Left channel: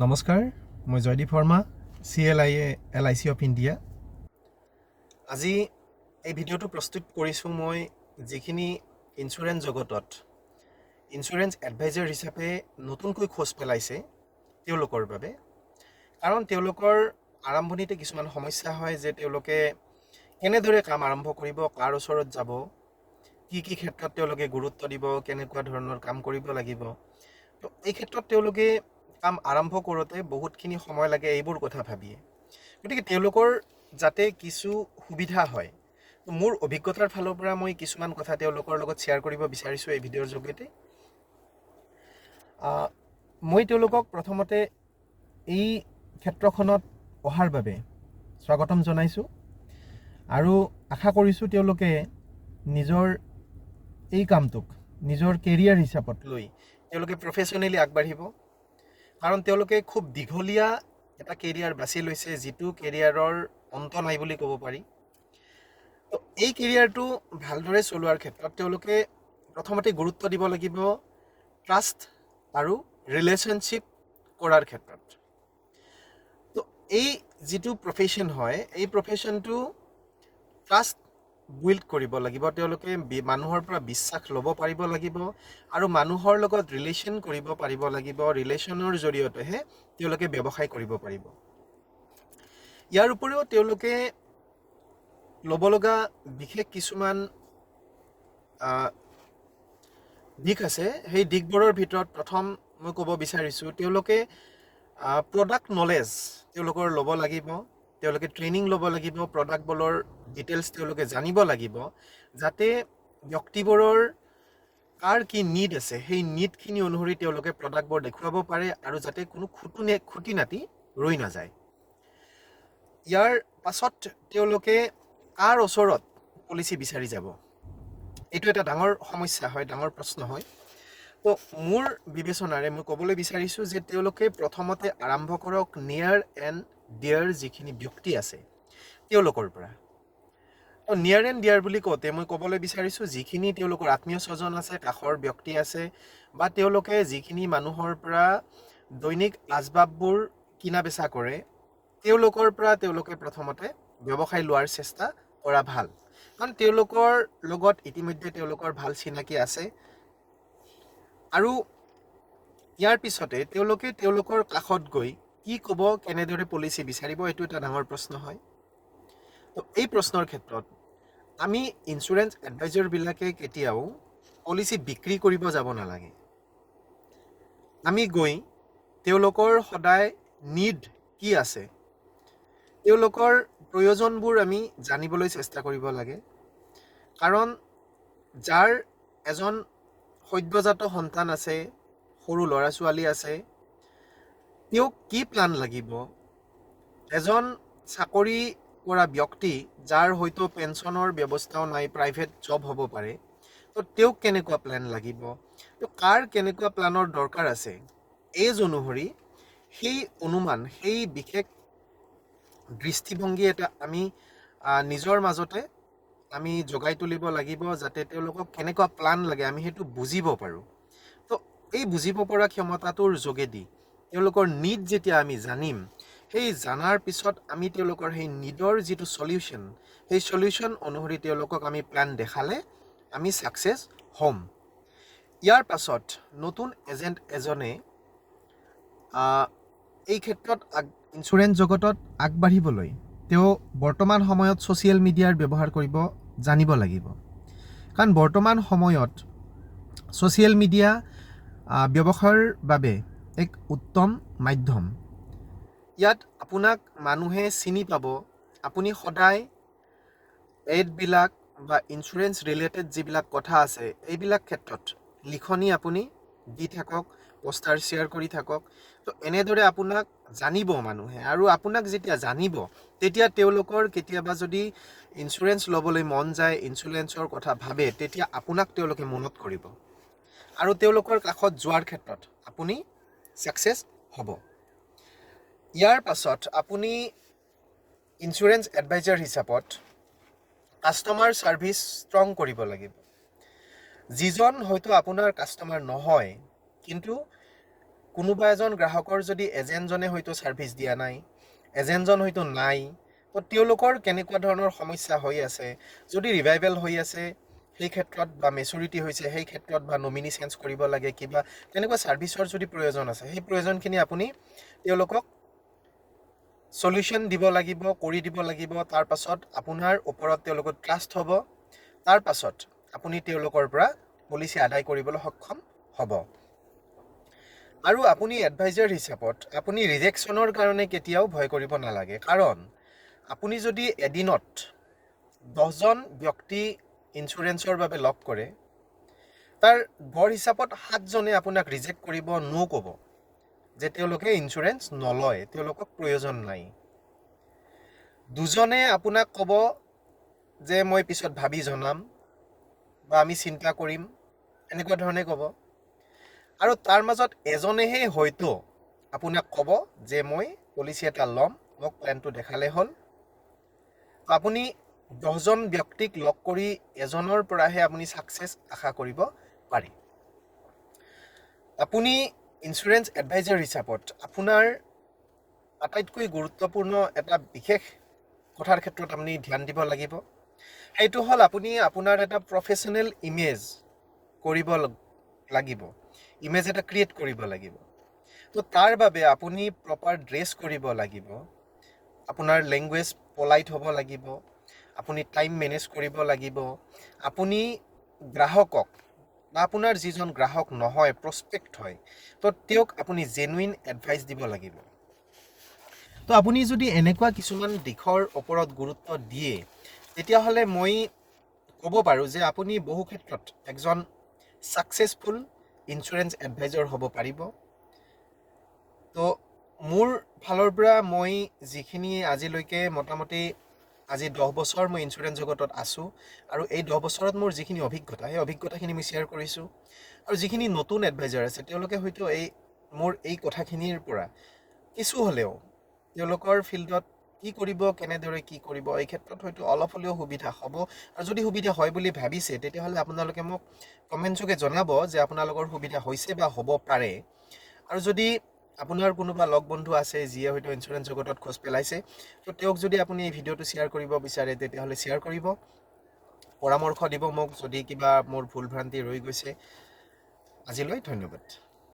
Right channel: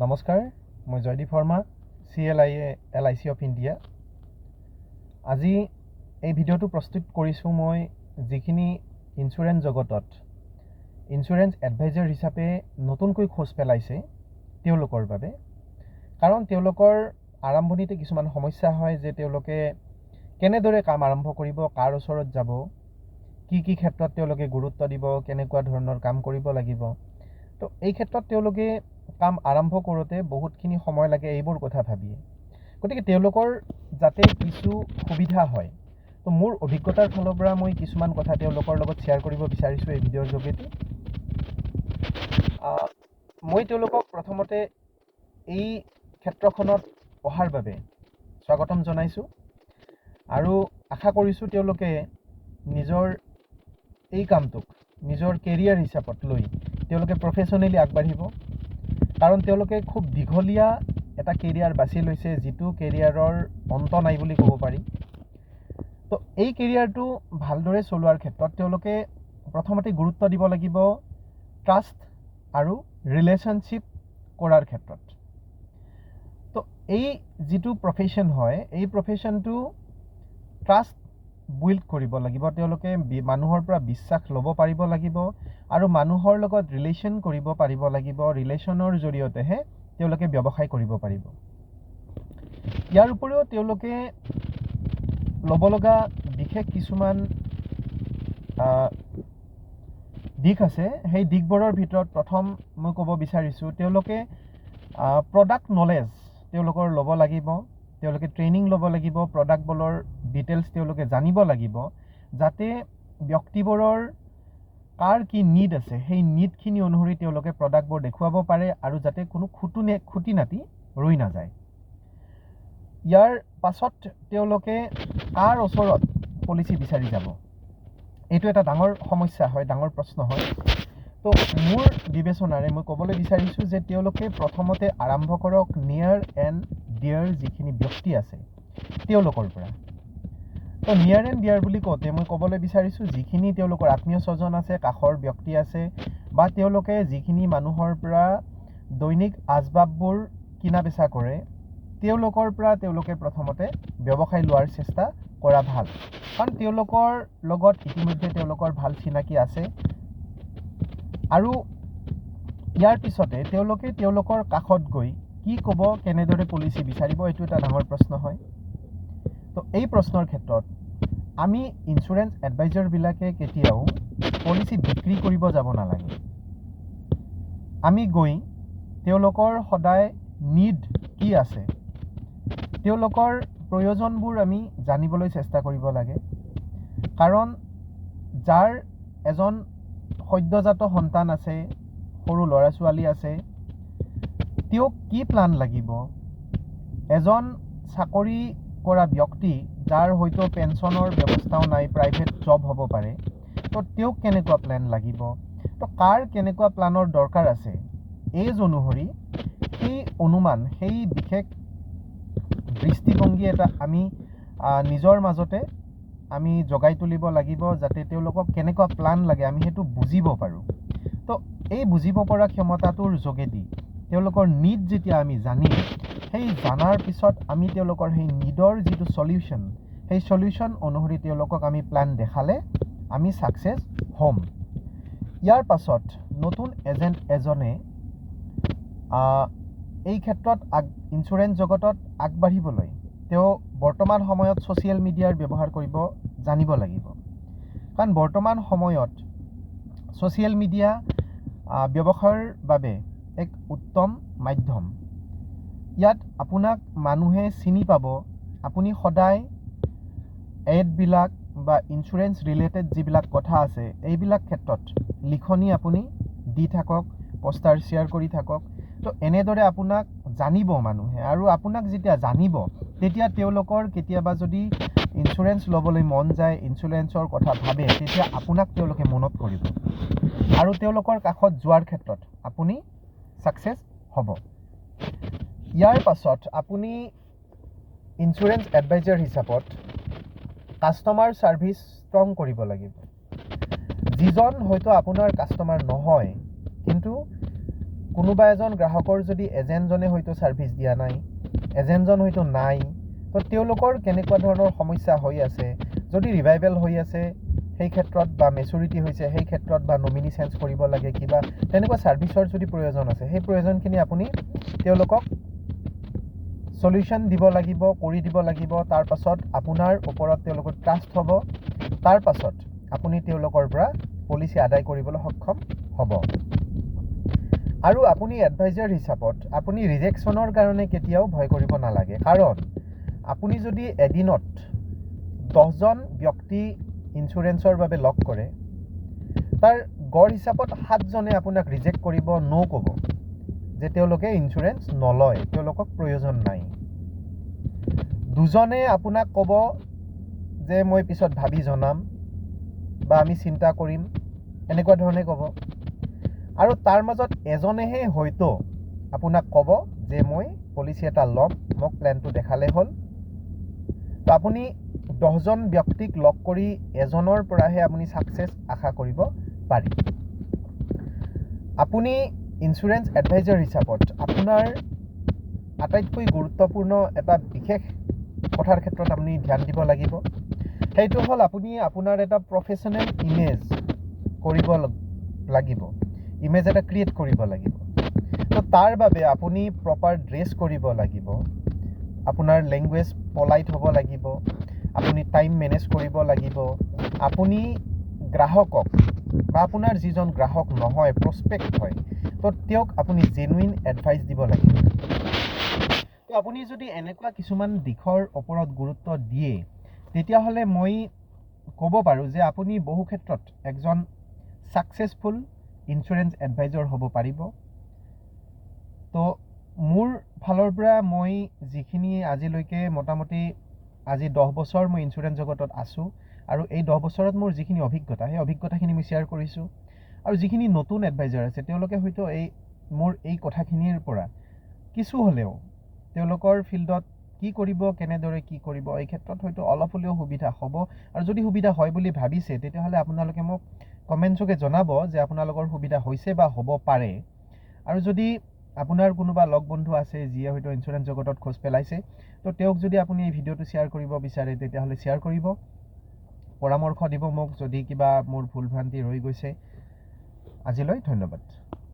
নমস্কাৰ, মই Jaydeep Sharma, CLIC of India. আজি এই ভিডিঅ'টো প্ৰস্তুত কৰিছোঁ মই যিখিনি ইঞ্চুৰেঞ্চ জগতত ইঞ্চুৰেঞ্চ এডভাইজাৰ হিচাপে নতুনকৈ খোজ পেলাইছে তেওঁলোকৰ বাবে। কাৰণ তেওঁলোকৰ আৰম্ভণিতে কিছুমান সমস্যা হয় যে তেওঁলোকে কেনেদৰে কাম আৰম্ভ কৰিব, কাৰ ওচৰত যাব, কি ক্ষেত্ৰত তেওঁলোকে গুৰুত্ব দিব, কেনেকুৱা ধৰণৰ কাম কৰিব লাগিব। তো এই ক্ষেত্ৰত তেওঁলোকে কাম আৰম্ভ কৰোঁতে বহুতখিনি সময় লাগে এইবোৰ কথা ভাবিয়ে। গতিকে তেওঁলোকৰ যাতে কিছু সুবিধা হয়, তো মোৰ অভিজ্ঞতাৰ ফালৰ পৰা মই কিছুমান কথা তেওঁলোকৰ লগত শ্বেয়াৰ কৰিব বিচাৰিছোঁ এই ভিডিঅ'ৰ যোগেদি। মই তেওঁলোকক প্ৰথমতে এই ক্ষেত্ৰখনত অহাৰ বাবে স্বাগতম জনাইছোঁ আৰু আশা কৰিছোঁ তেওঁলোকে নিজৰ এই কামটোক নিজৰ কেৰিয়াৰ হিচাপত লৈ তেওঁলোকে প্ৰফেশ্যনেলি আগবাঢ়িব। কাৰণ তেওঁলোকে খুব দীঘলীয়া এটা কেৰিয়াৰ বাছি লৈছে, যিটো কেৰিয়াৰৰ অন্ত নাই বুলি ক'ব পাৰি। তো এই কেৰিয়াৰটো ভালদৰে চলোৱাৰ ক্ষেত্ৰত তেওঁলোকে প্ৰথমতে গুৰুত্ব দিব লাগিব ট্ৰাষ্ট আৰু ৰিলেশ্যনশ্বিপ কৰাৰ ক্ষেত্ৰত। তো এই যিটো প্ৰফেশ্যন হয়, এই প্ৰফেশ্যনটো ট্ৰাষ্ট বিল্ড কৰিব লাগিব। তেওঁলোকে মানুহৰ পৰা বিশ্বাস ল'ব পাৰিব লাগিব আৰু মানুহৰ লগত ৰিলেশ্যন কৰিব পাৰিব লাগিব। ৰিলেশ্যনৰ জৰিয়তেহে তেওঁলোকে ব্যৱসায় কৰিব পাৰিব। ইয়াৰ উপৰিও তেওঁলোকে ল'ব লগা বিশেষ কিছুমান দিশ আছে। সেই দিশবোৰৰ ভিতৰত প্ৰথম মই ক'ব বিচাৰিছোঁ, তেওঁলোকে প্ৰডাক্ট নলেজ তেওঁলোকৰ ল'ব লাগিব। তেওঁলোকে ট্ৰেইনিং ল'ব লাগিব, প্ৰডাক্টবোৰৰ ডিটেইলছ তেওঁলোকে জানিব লাগিব, যাতে ব্যক্তিবোৰৰ কাৰ কি নিড আছে সেই নিডখিনি অনুসৰি তেওঁলোকে প্ৰডাক্টবোৰ দেখুৱাব পাৰে আৰু যাতে কোনো খুটি নাটি ৰৈ নাযায়। ইয়াৰ পাছত তেওঁলোকে কাৰ ওচৰত পলিচি বিচাৰি যাব, এইটো এটা ডাঙৰ সমস্যা হয়, ডাঙৰ প্ৰশ্ন হয়। তো মোৰ বিবেচনাৰে মই ক'বলৈ বিচাৰিছোঁ যে তেওঁলোকে প্ৰথমতে আৰম্ভ কৰক নিয়াৰ এণ্ড ডিয়াৰ যিখিনি ব্যক্তি আছে তেওঁলোকৰ পৰা। তো নিয়াৰ এণ্ড ডিয়াৰ বুলি কওঁতে মই ক'বলৈ বিচাৰিছোঁ যিখিনি তেওঁলোকৰ আত্মীয় স্বজন আছে, কাষৰ ব্যক্তি আছে, বা তেওঁলোকে যিখিনি মানুহৰ পৰা দৈনিক আচবাববোৰ কিনা বেচা কৰে, তেওঁলোকৰ পৰা তেওঁলোকে প্ৰথমতে ব্যৱসায় লোৱাৰ চেষ্টা কৰা ভাল। কাৰণ তেওঁলোকৰ লগত ইতিমধ্যে তেওঁলোকৰ ভাল চিনাকি আছে আৰু ইয়াৰ পিছতে তেওঁলোকে তেওঁলোকৰ কাষত গৈ কি ক'ব, কেনেদৰে পলিচি বিচাৰিব, এইটো এটা ডাঙৰ প্ৰশ্ন হয়। তো এই প্ৰশ্নৰ ক্ষেত্ৰত আমি ইঞ্চুৰেঞ্চ এডভাইজাৰবিলাকে কেতিয়াও পলিচি বিক্ৰী কৰিব যাব নালাগে। আমি গৈ তেওঁলোকৰ সদায় নিড কি আছে, তেওঁলোকৰ প্ৰয়োজনবোৰ আমি জানিবলৈ চেষ্টা কৰিব লাগে। কাৰণ যাৰ এজন সদ্যজাত সন্তান আছে, সৰু ল'ৰা ছোৱালী আছে, তেওঁক কি প্লান লাগিব, এজন চাকৰি কৰা ব্যক্তি যাৰ হয়তো পেঞ্চনৰ ব্যৱস্থাও নাই, প্ৰাইভেট জব হ'ব পাৰে, তো তেওঁক কেনেকুৱা প্লেন লাগিব, তো কাৰ কেনেকুৱা প্লানৰ দৰকাৰ আছে, এইজ অনুসৰি সেই অনুমান, সেই বিশেষ দৃষ্টিভংগী এটা আমি নিজৰ মাজতে আমি জগাই তুলিব লাগিব, যাতে তেওঁলোকক কেনেকুৱা প্লান লাগে আমি সেইটো বুজিব পাৰোঁ। তো এই বুজিব পৰা ক্ষমতাটোৰ যোগেদি তেওঁলোকৰ নিড যেতিয়া আমি জানিম, সেই জানাৰ পিছত আমি তেওঁলোকৰ সেই নিডৰ যিটো চলিউশ্যন, সেই চলিউশ্যন অনুসৰি তেওঁলোকক আমি প্লান দেখালে আমি ছাকচেছ হ'ম। ইয়াৰ পাছত নতুন এজেণ্ট এজনে এই ক্ষেত্ৰত ইঞ্চুৰেঞ্চ জগতত আগবাঢ়িবলৈ তেওঁ বৰ্তমান সময়ত ছ'চিয়েল মিডিয়াৰ ব্যৱহাৰ কৰিব জানিব লাগিব। কাৰণ বৰ্তমান সময়ত ছ'চিয়েল মিডিয়া ব্যৱসায়ৰ বাবে এক উত্তম মাধ্যম। ইয়াত আপোনাক মানুহে চিনি পাব। আপুনি সদায় এডবিলাক বা ইঞ্চুৰেঞ্চ ৰিলেটেড যিবিলাক কথা আছে এইবিলাক ক্ষেত্ৰত লিখনি আপুনি দি থাকক, পোষ্টাৰ শ্বেয়াৰ কৰি থাকক। তো এনেদৰে আপোনাক জানিব মানুহে, আৰু আপোনাক যেতিয়া জানিব তেতিয়া তেওঁলোকৰ কেতিয়াবা যদি ইঞ্চুৰেঞ্চ ল'বলৈ মন যায়, ইঞ্চুৰেঞ্চৰ কথা ভাবে, তেতিয়া আপোনাক তেওঁলোকে মনত কৰিব আৰু তেওঁলোকৰ কাষত যোৱাৰ ক্ষেত্ৰত আপুনি ছাকচেছ হ'ব। ইয়াৰ পাছত আপুনি ইঞ্চুৰেঞ্চ এডভাইজাৰ হিচাপত কাষ্টমাৰ ছাৰ্ভিচ ষ্ট্ৰং কৰিব লাগিব। যিজন হয়তো আপোনাৰ কাষ্টমাৰ নহয়, কিন্তু কোনোবা এজন গ্ৰাহকৰ যদি এজেণ্টজনে হয়তো ছাৰ্ভিচ দিয়া নাই, এজেণ্টজন হয়তো নাই, তো তেওঁলোকৰ কেনেকুৱা ধৰণৰ সমস্যা হৈ আছে, যদি ৰিভাইভেল হৈ আছে সেই ক্ষেত্ৰত বা মেচুৰিটি হৈছে সেই ক্ষেত্ৰত বা নমিনি চেঞ্জ কৰিব লাগে, কিবা তেনেকুৱা ছাৰ্ভিচৰ যদি প্ৰয়োজন আছে, সেই প্ৰয়োজনখিনি আপুনি তেওঁলোকক সলিউশন দিব লাগিব, কৰি দিব লাগিব। তাৰ পাছত আপোনাৰ ওপৰত তেওঁলোকৰ ট্ৰাষ্ট হ'ব, তাৰ পাছত আপুনি তেওঁলোকৰ পৰা পলিচি আদায় কৰিবলৈ সক্ষম হ'ব। আৰু আপুনি এডভাইজাৰ হিচাপত আপুনি ৰিজেকশ্যনৰ কাৰণে কেতিয়াও ভয় কৰিব নালাগে, কাৰণ আপুনি যদি এদিনত 10জন ব্যক্তি ইঞ্চুৰেঞ্চৰ বাবে লগ কৰে, তাৰ গড় হিচাপত 7জনে আপোনাক ৰিজেক্ট কৰিব, নো ক'ব যে তেওঁলোকে ইঞ্চুৰেঞ্চ নলয়, তেওঁলোকক প্ৰয়োজন নাই। 2জনে আপোনাক ক'ব যে মই পিছত ভাবি জনাম বা আমি চিন্তা কৰিম, এনেকুৱা ধৰণে ক'ব। আৰু তাৰ মাজত এজনেহে হয়তো আপোনাক ক'ব যে মই পলিচি এটা ল'ম, মোক প্লেনটো দেখালে হ'ল। তো আপুনি 10জন ব্যক্তিক লগ কৰি এজনৰ পৰাহে আপুনি ছাকচেছ আশা কৰিব পাৰি। আপুনি ইঞ্চুৰেঞ্চ এডভাইজাৰ হিচাপত আপোনাৰ আটাইতকৈ গুৰুত্বপূৰ্ণ এটা বিশেষ কথাৰ ক্ষেত্ৰত আপুনি ধ্যান দিব লাগিব, সেইটো হ'ল আপুনি আপোনাৰ এটা প্ৰফেশ্যনেল ইমেজ কৰিব লাগিব, ইমেজ এটা ক্ৰিয়েট কৰিব লাগিব। তো তাৰ বাবে আপুনি প্ৰপাৰ ড্ৰেছ কৰিব লাগিব, আপোনাৰ লেংগুৱেজ পলাইট হ'ব লাগিব, আপুনি টাইম মেনেজ কৰিব লাগিব, আপুনি গ্ৰাহকক বা আপোনাৰ যিজন গ্ৰাহক নহয়, প্ৰস্পেক্ট হয়, তো তেওঁক আপুনি জেনুইন এডভাইচ দিব লাগিব। তো আপুনি যদি এনেকুৱা কিছুমান দিশৰ ওপৰত গুৰুত্ব দিয়ে, তেতিয়াহ'লে মই ক'ব পাৰোঁ যে আপুনি বহু ক্ষেত্ৰত একজন ছাকচেছফুল ইঞ্চুৰেঞ্চ এডভাইজাৰ হ'ব পাৰিব। তো মোৰ ফালৰ পৰা মই যিখিনি আজিলৈকে মোটামুটি আজি 10 বছৰ মই ইঞ্চুৰেঞ্চ জগতত আছোঁ, আৰু এই 10 বছৰত মোৰ যিখিনি অভিজ্ঞতা, সেই অভিজ্ঞতাখিনি মই শ্বেয়াৰ কৰিছোঁ। আৰু যিখিনি নতুন এডভাইজাৰ আছে, তেওঁলোকে হয়তো মোৰ এই কথাখিনিৰ পৰা কিছু হ'লেও তেওঁলোকৰ ফিল্ডত কি কৰিব, কেনেদৰে কি কৰিব, এই ক্ষেত্ৰত হয়তো অলপ হ'লেও সুবিধা হ'ব। আৰু যদি সুবিধা হয় বুলি ভাবিছে, তেতিয়াহ'লে আপোনালোকে মোক কমেণ্টছকে জনাব যে আপোনালোকৰ সুবিধা হৈছে বা হ'ব পাৰে। আৰু যদি আপোনাৰ কোনোবা লগ বন্ধু আছে যিয়ে হয়তো ইঞ্চুৰেঞ্চ জগতত খোজ পেলাইছে, তো তেওঁক যদি আপুনি এই ভিডিঅ'টো শ্বেয়াৰ কৰিব বিচাৰে, তেতিয়াহ'লে শ্বেয়াৰ কৰিব, পৰামৰ্শ দিব মোক যদি কিবা মোৰ ভুল ভ্ৰান্তি ৰৈ গৈছে। আজিলৈ ধন্যবাদ।